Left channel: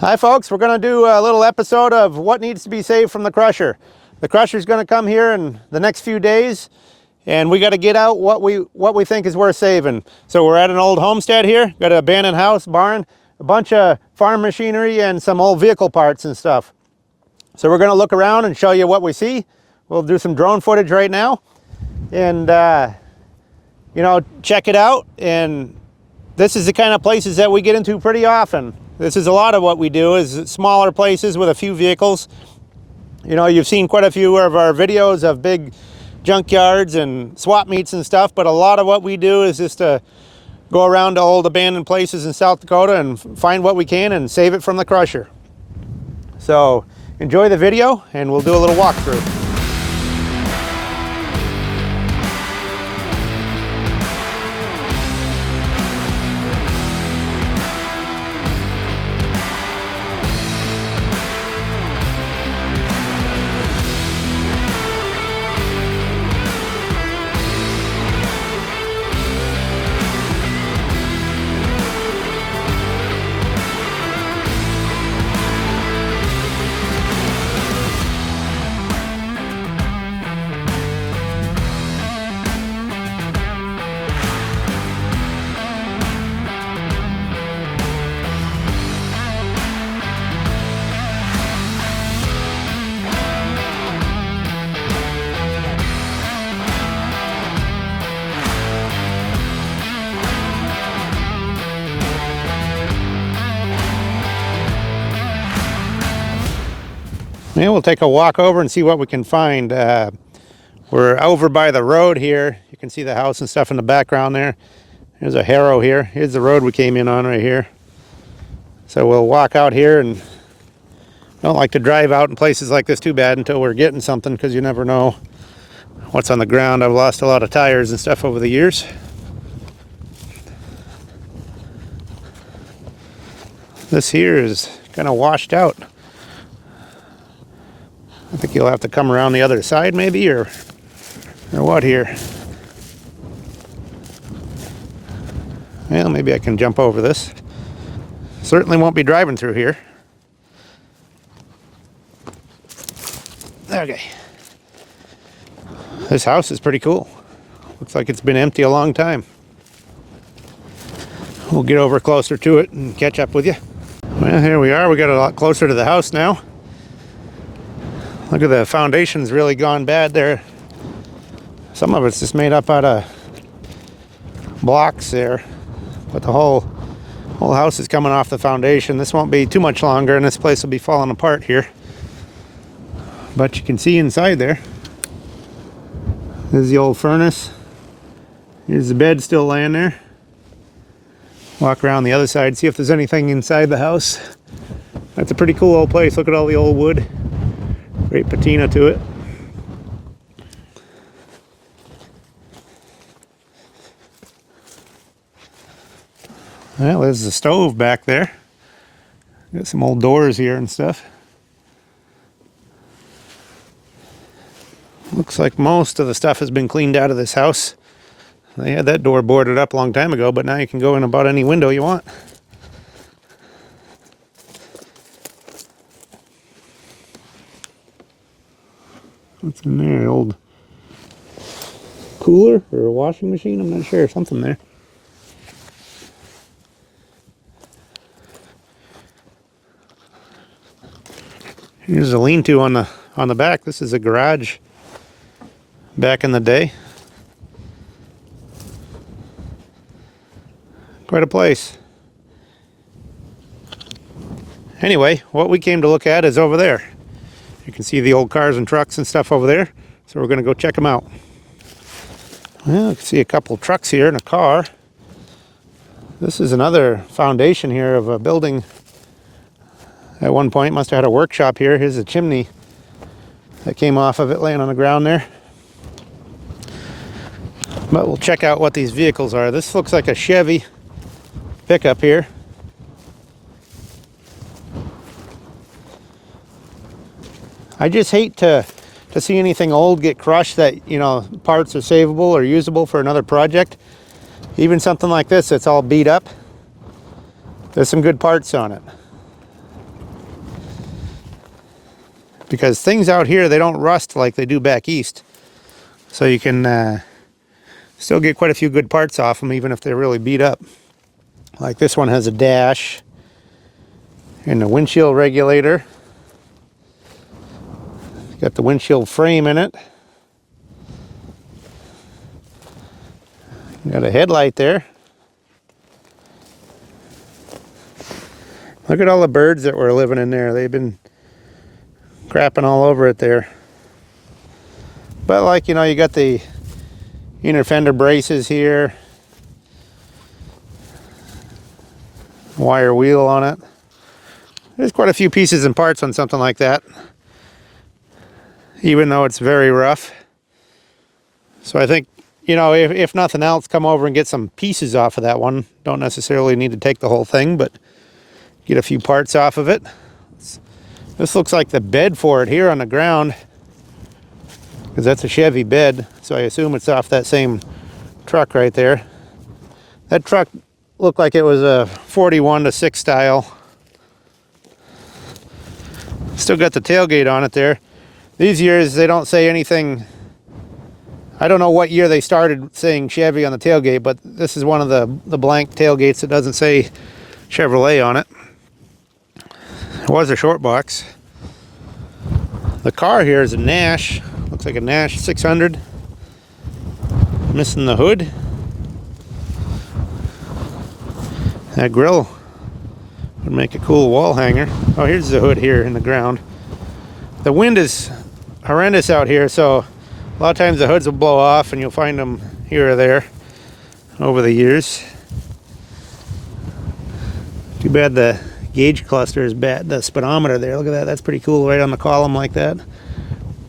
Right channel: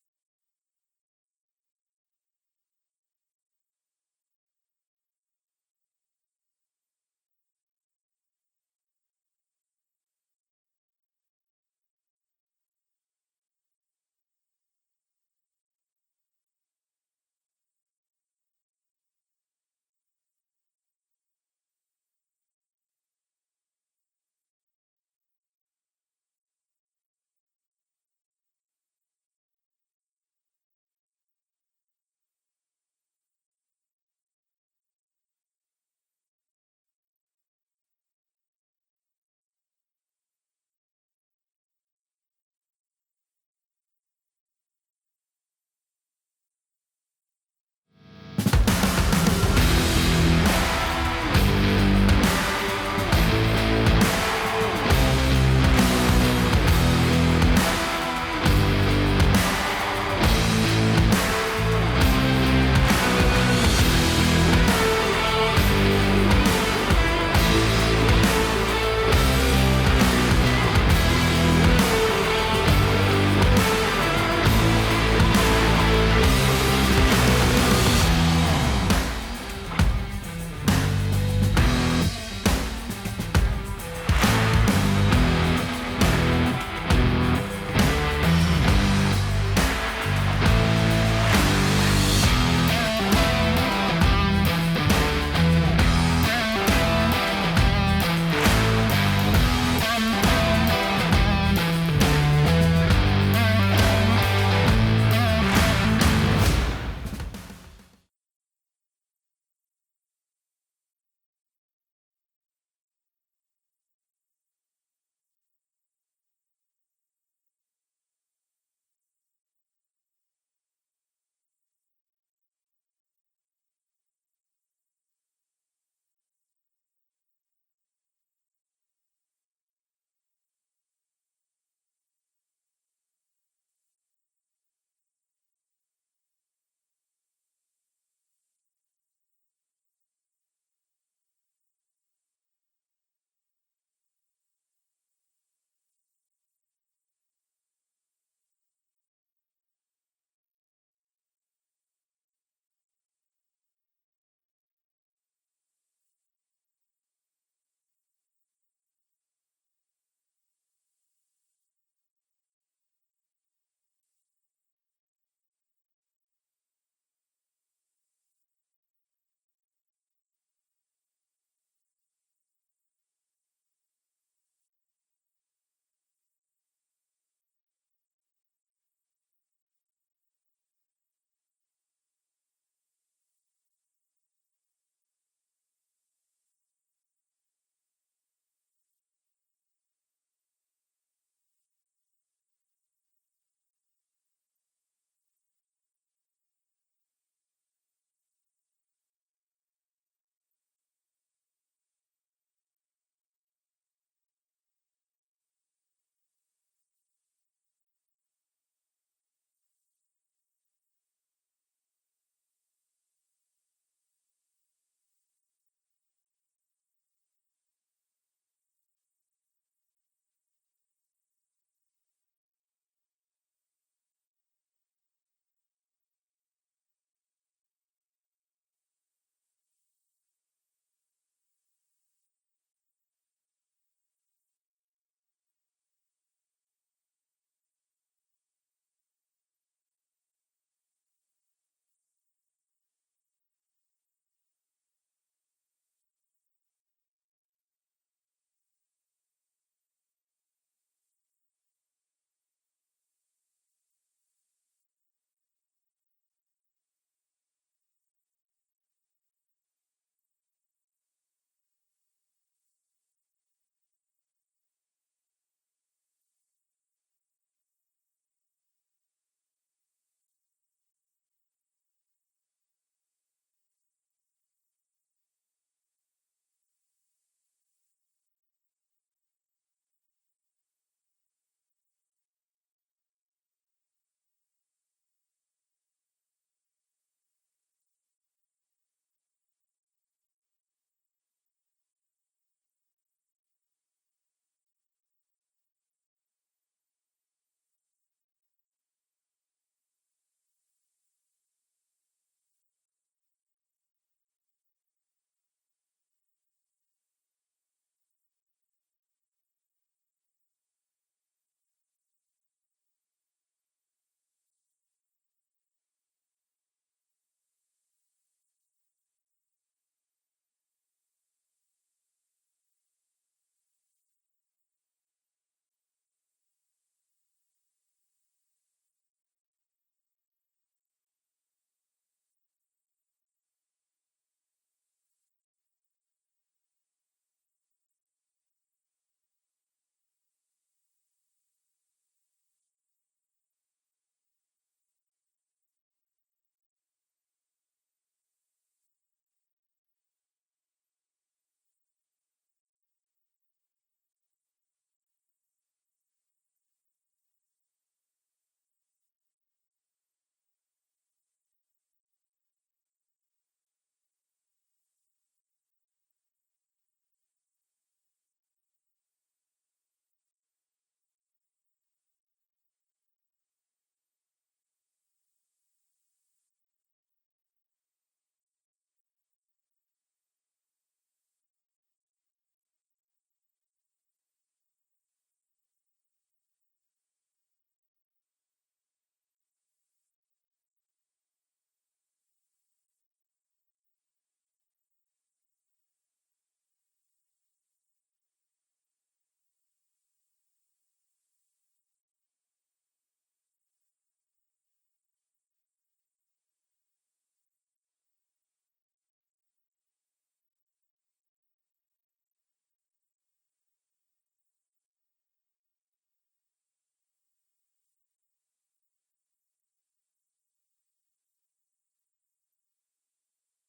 Hi folks, we're going to do a little episode of what needs to be saved from the crusher. The crusher is going to come here in the next few days, and we got to get out what we think is worth saving. So we're at an old homestead here, got an abandoned house, barn, a bunch of farm machinery, and some old vehicle parts and stuff. So we're going to look around and show you what we see. We'll do some drone footage right now, and check it out. And this is the kind of places that we get into pretty often. This is a lot of what we do, is smaller places with a few vehicles. You know, you've seen quite a few of our videos of big junkyards and swap meets and stuff, but a lot of what we do is just to go around to old abandoned places in South Dakota and find what we can and save it from the crusher. So enjoy the video and we'll do a little walkthrough. Yeah, we'll take a walk over and see what we can find. We're over by the road here. You can see the house and stuff in the background there. There's a harrow here. Here's the road we came in on right here. So we'll walk out here, and don't like to drive out in places like this too bad until we're getting something, because you never know what's on the ground. I've lost a lot of tires and stuff over the years. This here is kind of washed out. I think you'll have to come around the other side maybe, or what here. Well, maybe I can jump over this. Certainly won't be driving through here. Okay. This house is pretty cool. Looks like it's been empty a long time. We'll get over closer to it and catch up with you. Well, here we are. We got a lot closer to the house now. Look at the foundation's really gone bad there. Some of it's just made up out of blocks there, but the whole house is coming off the foundation. This won't be too much longer and this place will be falling apart here. But you can see inside there. There's the old furnace. Here's the bed still laying there. Walk around the other side, see if there's anything inside the house. That's a pretty cool old place. Look at all the old wood. Great patina to it. Well, there's the stove back there. Got some old doors here and stuff. Looks like most of the stuff has been cleaned out of this house. They had that door boarded up a long time ago, but now you can go in about any window you want. What's in there? Old cooler or a washing machine? I'm not sure. Something there. Here's a lean-to on the back. This is a garage back in the day. Quite a place. Anyway, what we came to look at is over there. You can see the old cars and trucks and stuff over there. So we're going to go check them out. Well, you can see a couple trucks here and a car. This is another foundation here of a building. At one point, must have had a workshop here. Here's a chimney that came off of it laying on the ground there. But we'll check out what these vehicles are. This looks like a Chevy pickup here. I just hate to see anything old get crushed that, you know, parts are savable or usable for another project. Even something like this that's all beat up, there's some good parts on it. because things out here, they don't rust like they do back east. So you can still get quite a few good parts off them, even if they're really beat up. Like this one has a dash and a windshield regulator. Got the windshield frame in it. Got a headlight there. Look at all the birds that were living in there. They've been crapping all over it there. But like, you know, you got the inner fender braces here. Wire wheel on it. There's quite a few pieces and parts on something like that, even though it's very rough. So I think, you know, if nothing else, come over and get some pieces off of that one. Don't necessarily need to take the whole thing, but get a few parts off of it. This looks like the bed for it here on the ground, because that's a Chevy bed, so I assume it's off that same truck right there. That truck looked like it was a 41-6 style. Still got the tailgate on it there. These years they don't say anything. I don't know what year they started saying Chevy on the tailgate, but this is one of the blank tailgates that doesn't say Chevrolet on it. It was a short box. The car here is a Nash. Looks like a Nash 600. Missing the hood. That grill would make a cool wall hanger. Oh, here's the hood here in the ground. The wind is horrendous out here, so a lot of times the hoods will blow off and you'll find them here or there over the years. Too bad the gauge cluster is bad. The speedometer there, look at that. That's pretty cool right on the column like that.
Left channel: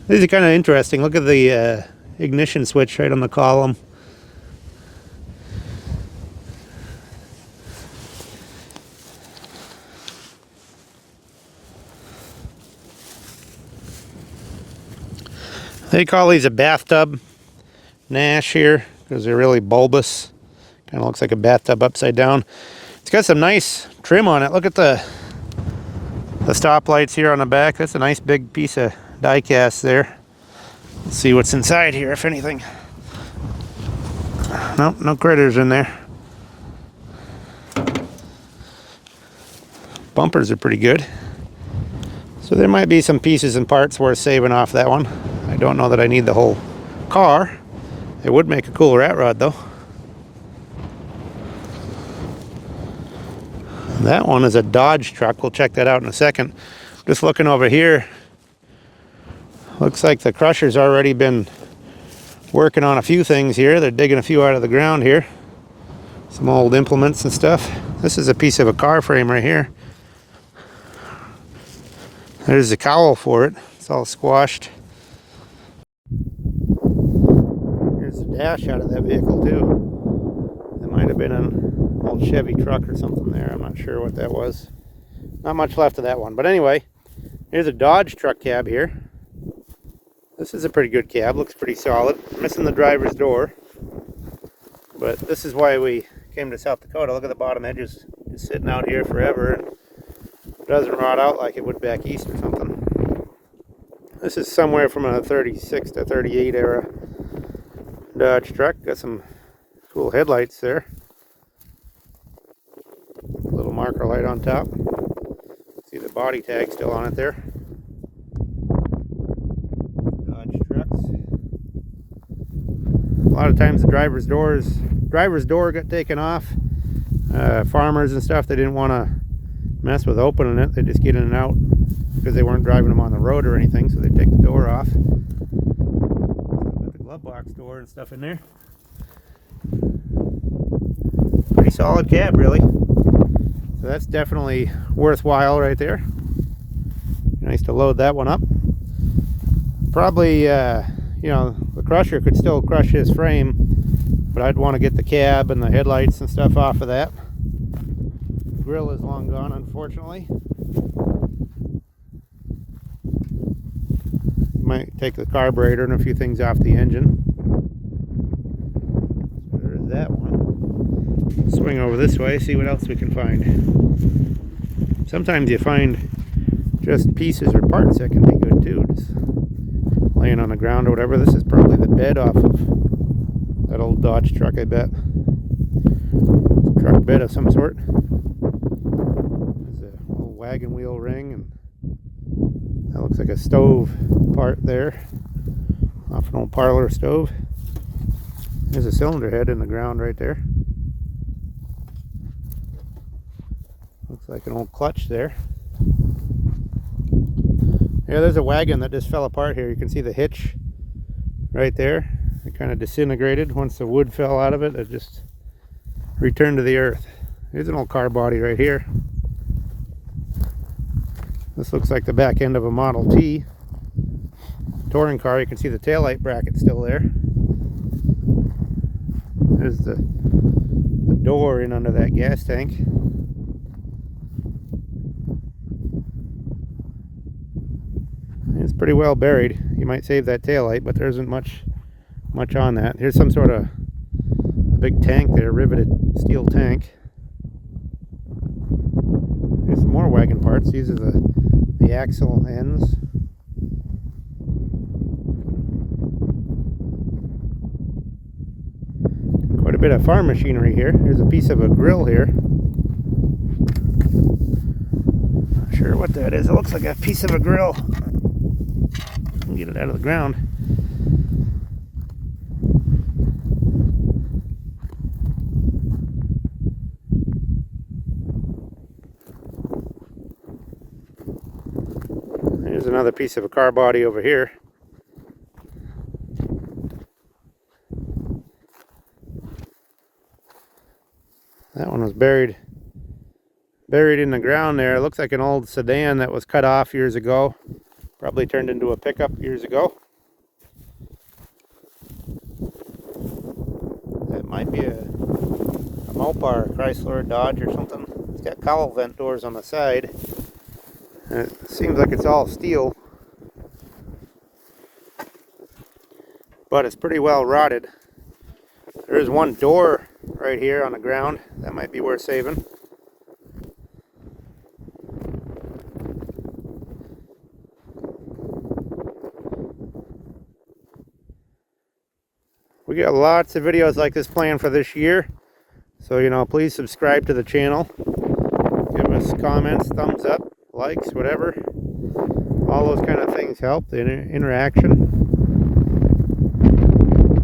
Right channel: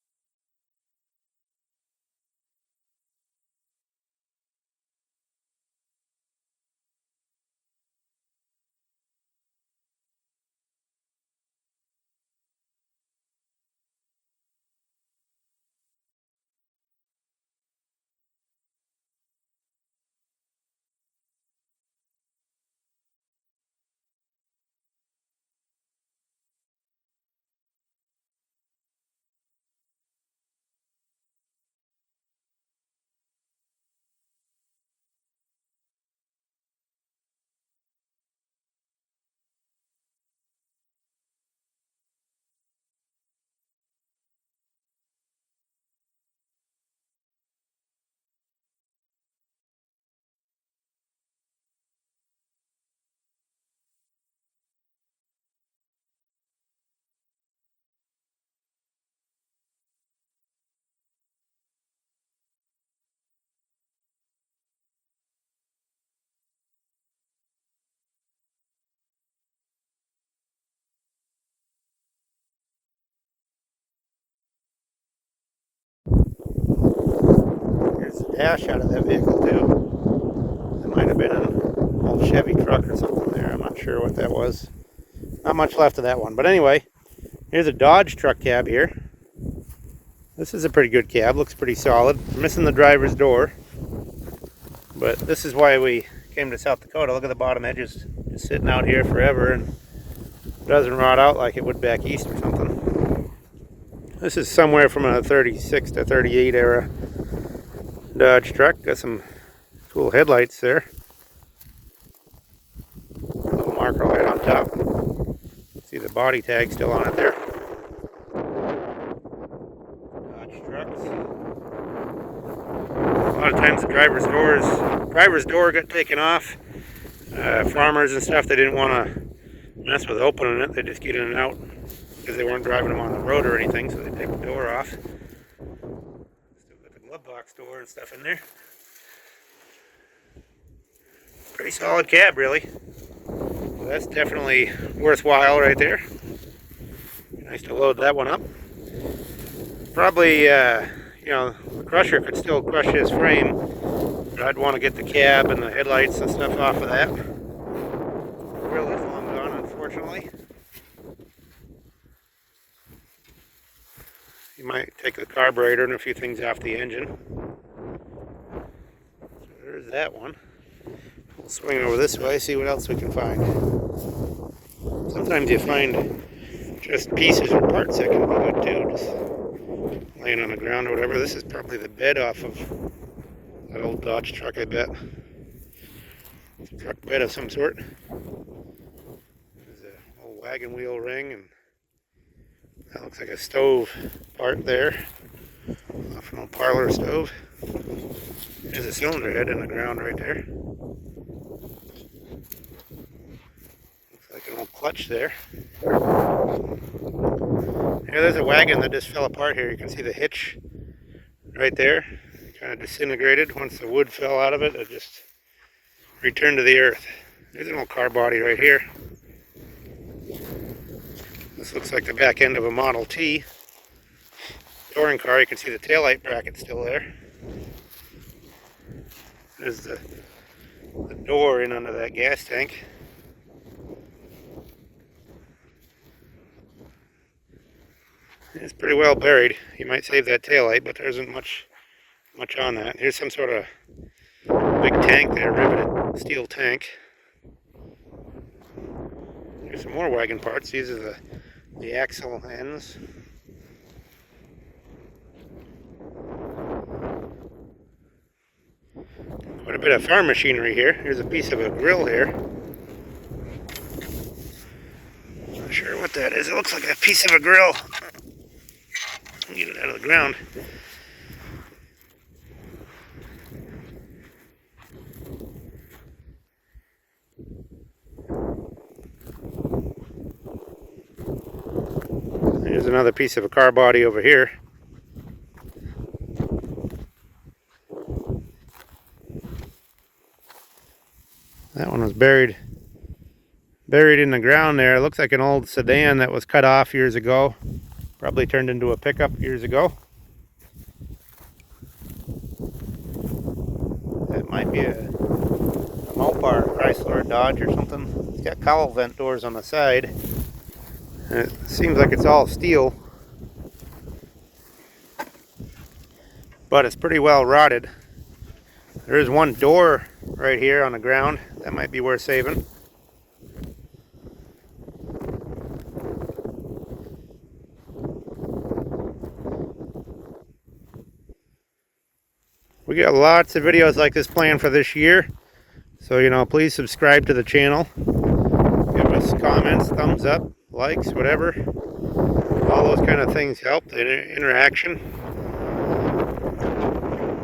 These are kind of interesting. Look at the ignition switch right on the column. They call these a bathtub Nash here because they're really bulbous. Kind of looks like a bathtub upside down. It's got some nice trim on it. Look at the stoplights here on the back. That's a nice big piece of die cast there. Let's see what's inside here, if anything. Nope, no critters in there. Bumpers are pretty good. So there might be some pieces and parts worth saving off that one. I don't know that I need the whole car. It would make a cool rat rod though. That one is a Dodge truck. We'll check that out in a second. Just looking over here. Looks like the crusher's already been working on a few things here. They're digging a few out of the ground here. Some old implements and stuff. This is a piece of a car frame right here. There's the cowl for it. It's all squashed. Here's the dash out of that vehicle too. That might have been an old Chevy truck or something there. I'm not sure what that was. Not much left of that one. But anyway, here's a Dodge truck cab here. This is a pretty good cab. Looks pretty solid. It's missing the driver's door. But this is why we came to South Dakota. Look at the bottom edges just sitting out here forever. And it doesn't rot out like it would back east or something. This is somewhere from a 36 to 38 era Dodge truck. Got some cool headlights there. A little marker light on top. See the body tag still on it there. Dodge trucks. A lot of times the driver's door got taken off. Farmers and stuff, they didn't want to mess with opening it. They just get in and out because they weren't driving them on the road or anything, so they take the door off. Got the glove box door and stuff in there. Pretty solid cab, really. So that's definitely worthwhile right there. Nice to load that one up. Probably, you know, the crusher could still crush his frame, but I'd want to get the cab and the headlights and stuff off of that. The grill is long gone, unfortunately. You might take the carburetor and a few things off the engine. So there's that one. Swing over this way, see what else we can find. Sometimes you find just pieces or parts that can be good too. Just laying on the ground or whatever. This is probably the bed off of that old Dodge truck, I bet. Truck bed of some sort. There's a little wagon wheel ring, and that looks like a stove part there. Off an old parlor stove. There's a cylinder head in the ground right there. Looks like an old clutch there. Yeah, there's a wagon that just fell apart here. You can see the hitch right there. It kind of disintegrated. Once the wood fell out of it, it just returned to the earth. There's an old car body right here. This looks like the back end of a Model T touring car. You can see the taillight bracket still there. There's the door in under that gas tank. It's pretty well buried. You might save that taillight, but there isn't much on that. Here's some sort of big tank there, riveted steel tank. Here's some more wagon parts. These are the axle ends. Quite a bit of farm machinery here. Here's a piece of a grill here. Not sure what that is. It looks like a piece of a grill. Get it out of the ground. There's another piece of a car body over here. That one was buried in the ground there. It looks like an old sedan that was cut off years ago. Probably turned into a pickup years ago. It might be a Mopar, Chrysler, Dodge or something. It's got cowl vent doors on the side. And it seems like it's all steel. But it's pretty well rotted. There's one door right here on the ground. That might be worth saving. We got lots of videos like this planned for this year. So, please subscribe to the channel. Give us comments, thumbs up, likes, whatever. All those kind of things help, the interaction.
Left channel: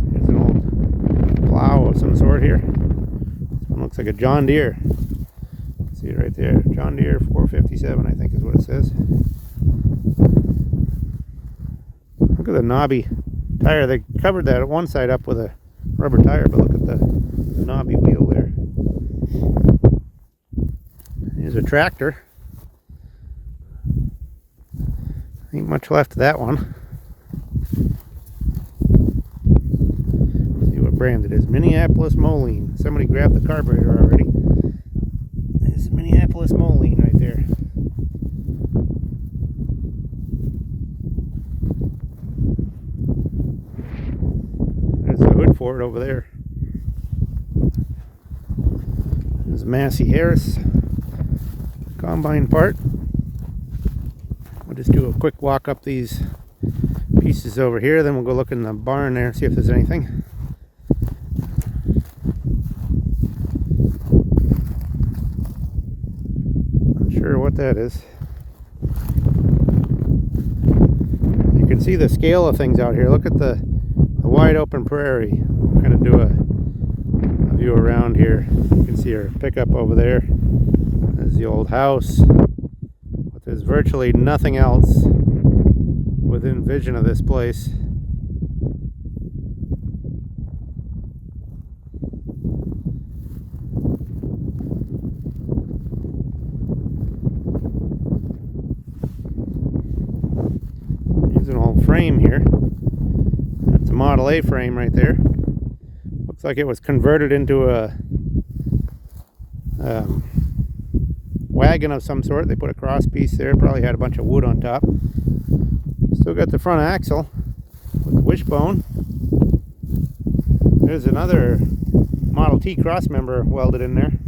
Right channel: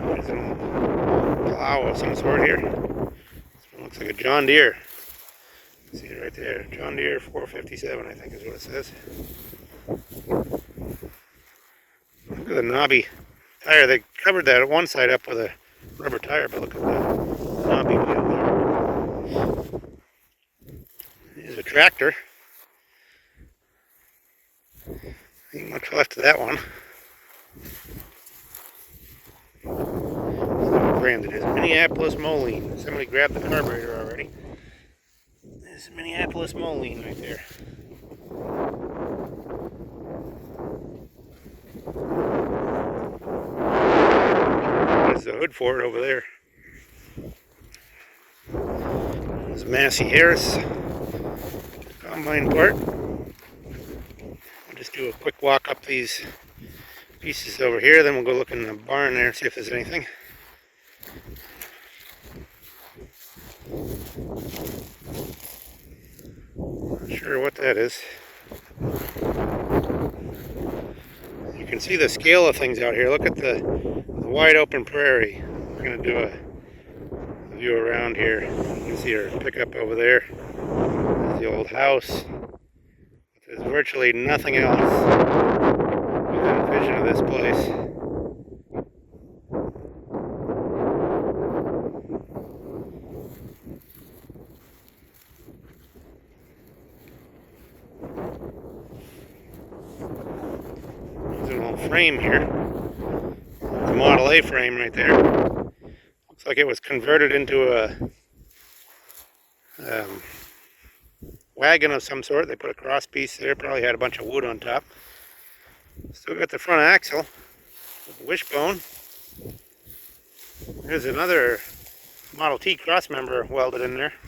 There's an old plow of some sort here. This one looks like a John Deere. See it right there. John Deere 457, I think is what it says. Look at the knobby tire. They covered that one side up with a rubber tire, but look at the knobby wheel there. Here's a tractor. Ain't much left of that one. So branded as Minneapolis Moline. Somebody grabbed the carburetor already. There's Minneapolis Moline right there. There's the hood for it over there. There's a Massey Harris combine part. We'll just do a quick walk up these pieces over here, then we'll go look in the barn there, see if there's anything. Not sure what that is. You can see the scale of things out here. Look at the wide open prairie. I'm going to do a view around here. You can see our pickup over there. There's the old house. But there's virtually nothing else within vision of this place. There's an old frame here. It's a Model A frame right there. Looks like it was converted into a wagon of some sort. They put a cross piece there, probably had a bunch of wood on top. Still got the front axle, wishbone. There's another Model T cross member welded in there.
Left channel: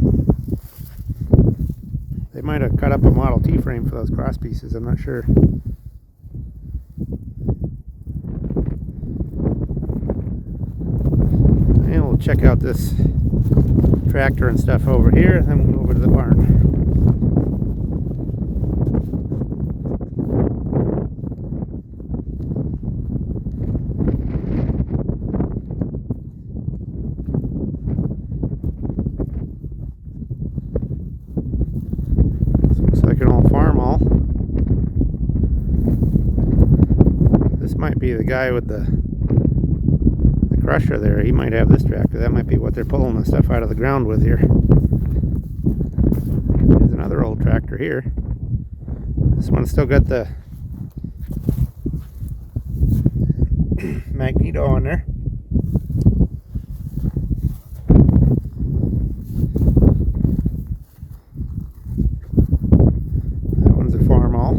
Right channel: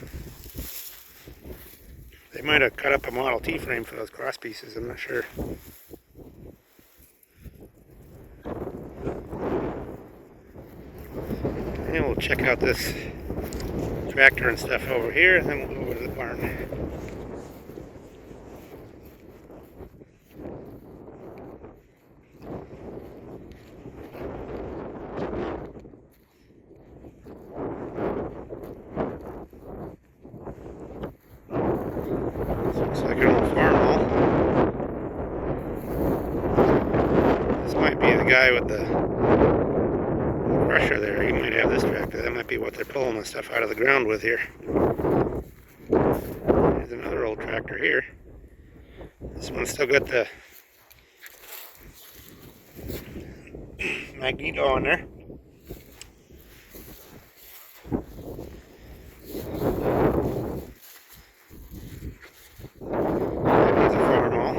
They might have cut up a Model T frame for those cross pieces, I'm not sure. And we'll check out this tractor and stuff over here, and then we'll go over to the barn. Looks like an old farm hall. This might be the guy with the crusher there. He might have this tractor. That might be what they're pulling the stuff out of the ground with here. There's another old tractor here. This one's still got the magneto on there. There's a farm hall.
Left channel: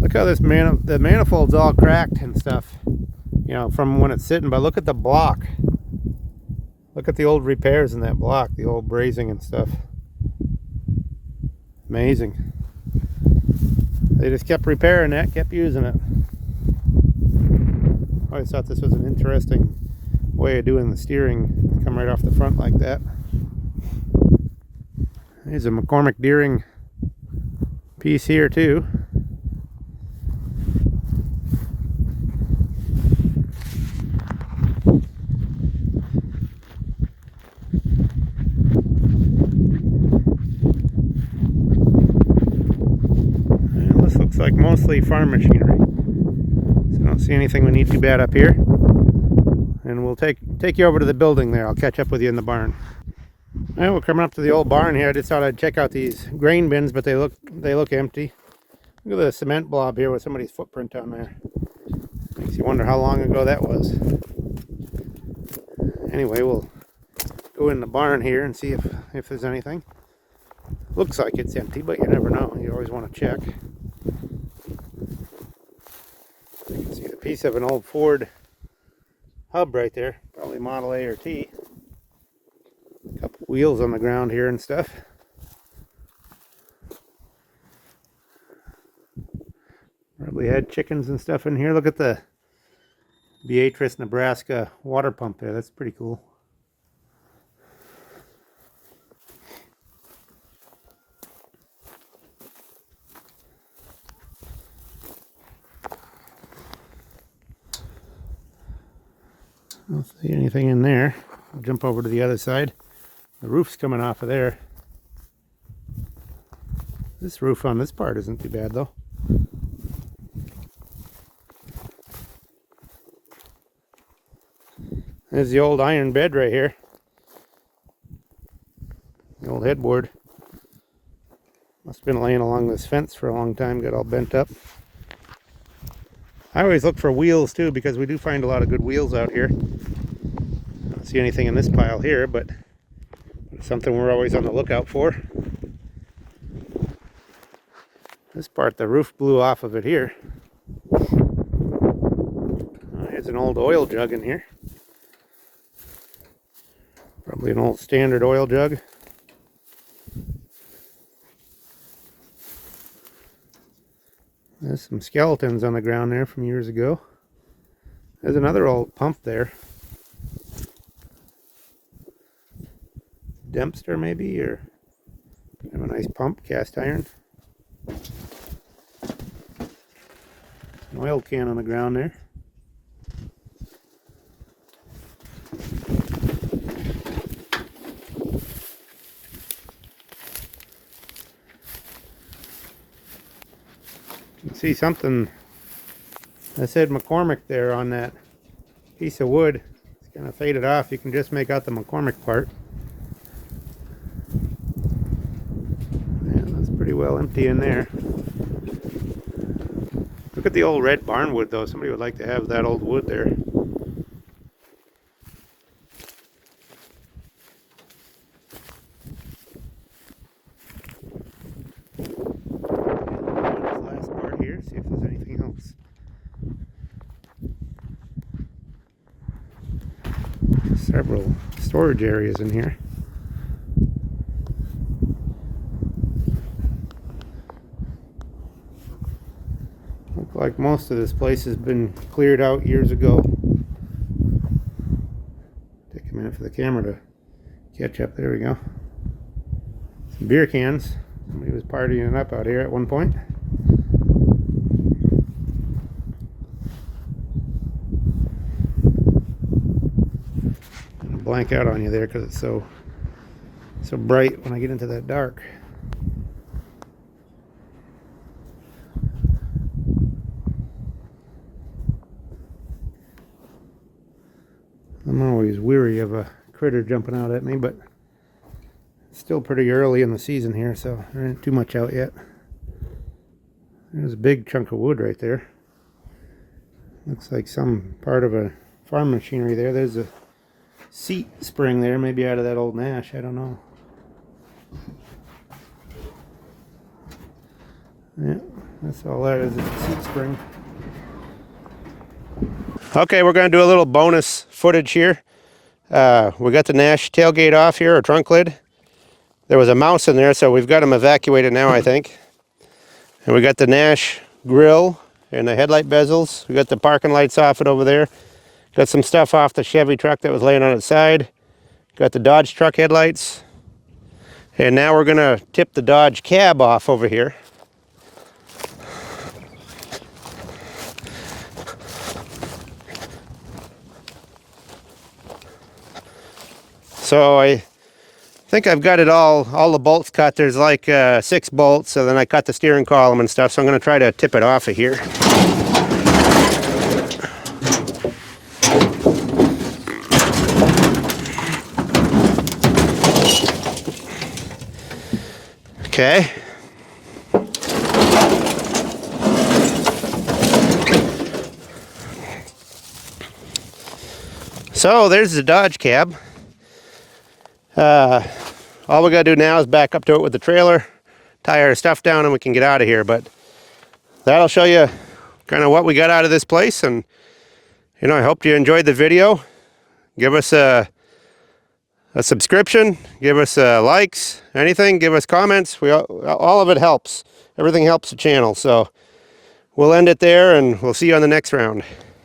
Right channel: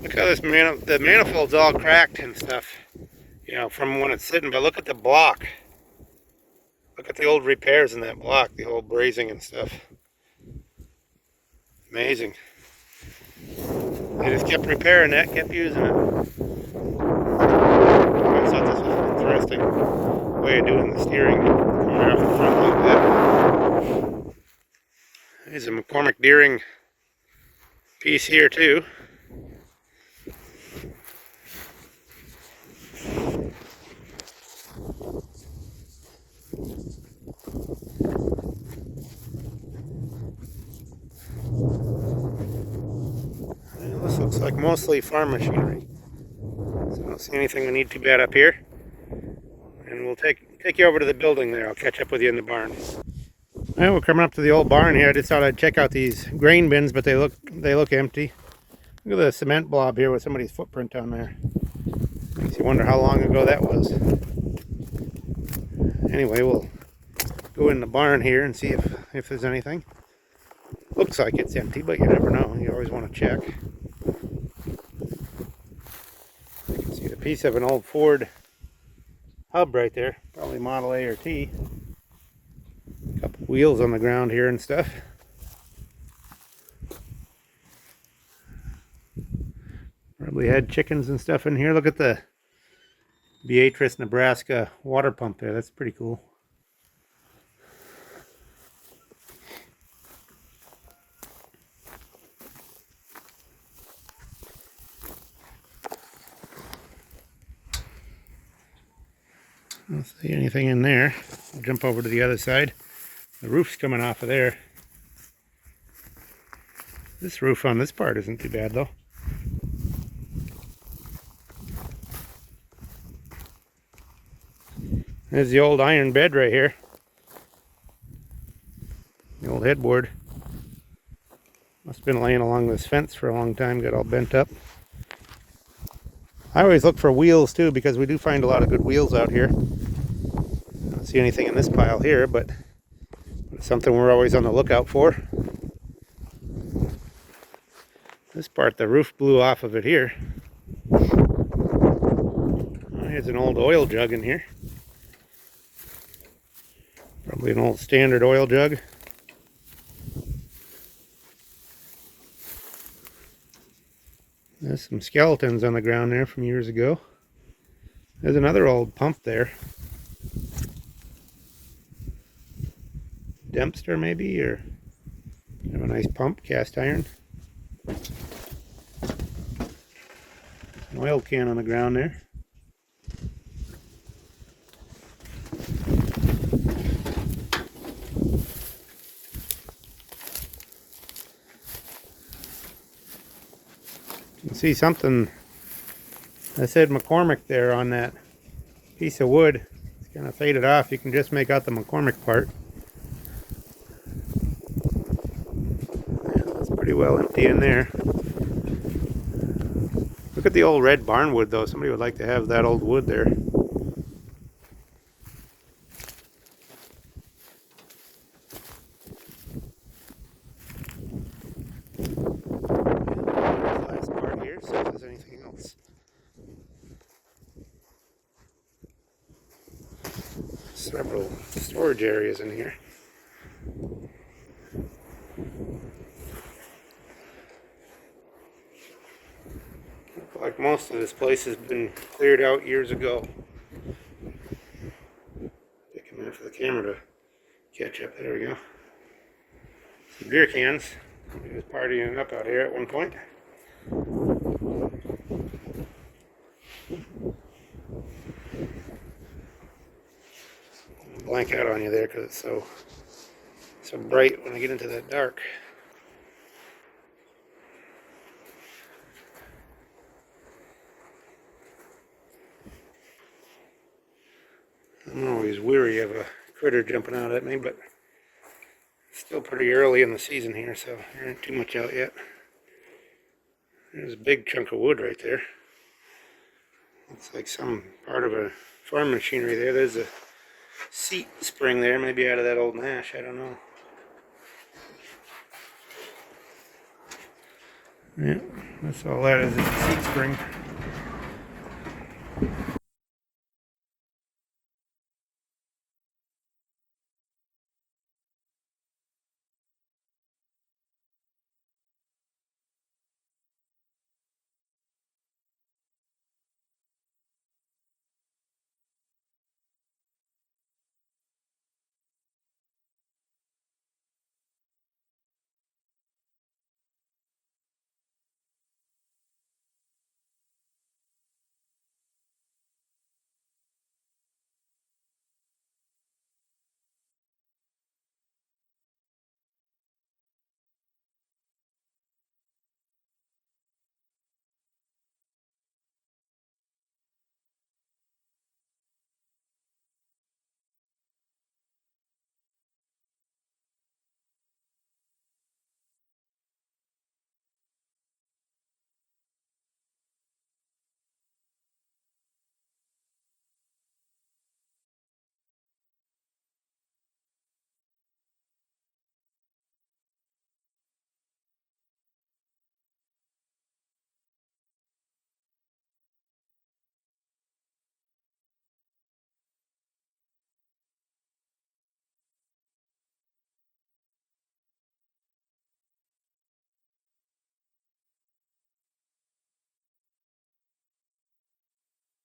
Look how this the manifold's all cracked and stuff, you know, from when it's sitting. But look at the block. Look at the old repairs in that block, the old brazing and stuff. Amazing. They just kept repairing that, kept using it. I thought this was an interesting way of doing the steering, come right off the front like that. There's a McCormick Deering piece here too. This looks like mostly farm machinery. So I don't see anything we need too bad up here. And we'll take you over to the building there. I'll catch up with you in the barn. Well, we're coming up to the old barn here. I just thought I'd check out these grain bins, but they look empty. Look at the cement blob here with somebody's footprint on there. Makes you wonder how long ago that was. Anyway, we'll go in the barn here and see if there's anything. Looks like it's empty, but you never know. You always want to check. You can see the piece of an old Ford hub right there. Probably Model A or T. A couple wheels on the ground here and stuff. Probably had chickens and stuff in here. Look at the Beatrice, Nebraska water pump there. That's pretty cool. I don't see anything in there. We'll jump over to the other side. The roof's coming off of there. This roof on this part isn't too bad though. There's the old iron bed right here. The old headboard. Must have been laying along this fence for a long time, got all bent up. I always look for wheels too, because we do find a lot of good wheels out here. I don't see anything in this pile here, but it's something we're always on the lookout for. This part, the roof blew off of it here. There's an old oil jug in here. Probably an old standard oil jug. There's some skeletons on the ground there from years ago. There's another old pump there. Dempster maybe, or have a nice pump, cast iron. An oil can on the ground there. You can see something that said McCormick there on that piece of wood. It's kind of faded off. You can just make out the McCormick part. Pretty well empty in there. Look at the old red barn wood though. Somebody would like to have that old wood there. And last part here, see if there's anything else. Several storage areas in here. Like most of this place has been cleared out years ago. Take a minute for the camera to catch up. There we go. Some beer cans. Somebody was partying up out here at one point. I'll blank out on you there because it's so bright when I get into that dark. I'm always weary of a critter jumping out at me, but it's still pretty early in the season here, so there ain't too much out yet. There's a big chunk of wood right there. Looks like some part of a farm machinery there. There's a seat spring there, maybe out of that old Nash, I don't know. Yeah, that's all that is a seat spring. Okay, we're going to do a little bonus footage here. We got the Nash tailgate off here, or trunk lid. There was a mouse in there, so we've got him evacuated now, I think. And we got the Nash grill and the headlight bezels. We got the parking lights off it over there. Got some stuff off the Chevy truck that was laying on its side. Got the Dodge truck headlights. And now we're going to tip the Dodge cab off over here. So I think I've got it all the bolts cut. There's like 6 bolts, so then I cut the steering column and stuff, so I'm going to try to tip it off of here. Okay. So there's the Dodge cab. All we gotta do now is back up to it with the trailer, tie our stuff down, and we can get out of here. But that'll show you kind of what we got out of this place. And you know, I hope you enjoyed the video. Give us a subscription, give us likes, anything, give us comments. All of it helps. Everything helps the channel. So we'll end it there, and we'll see you on the next round.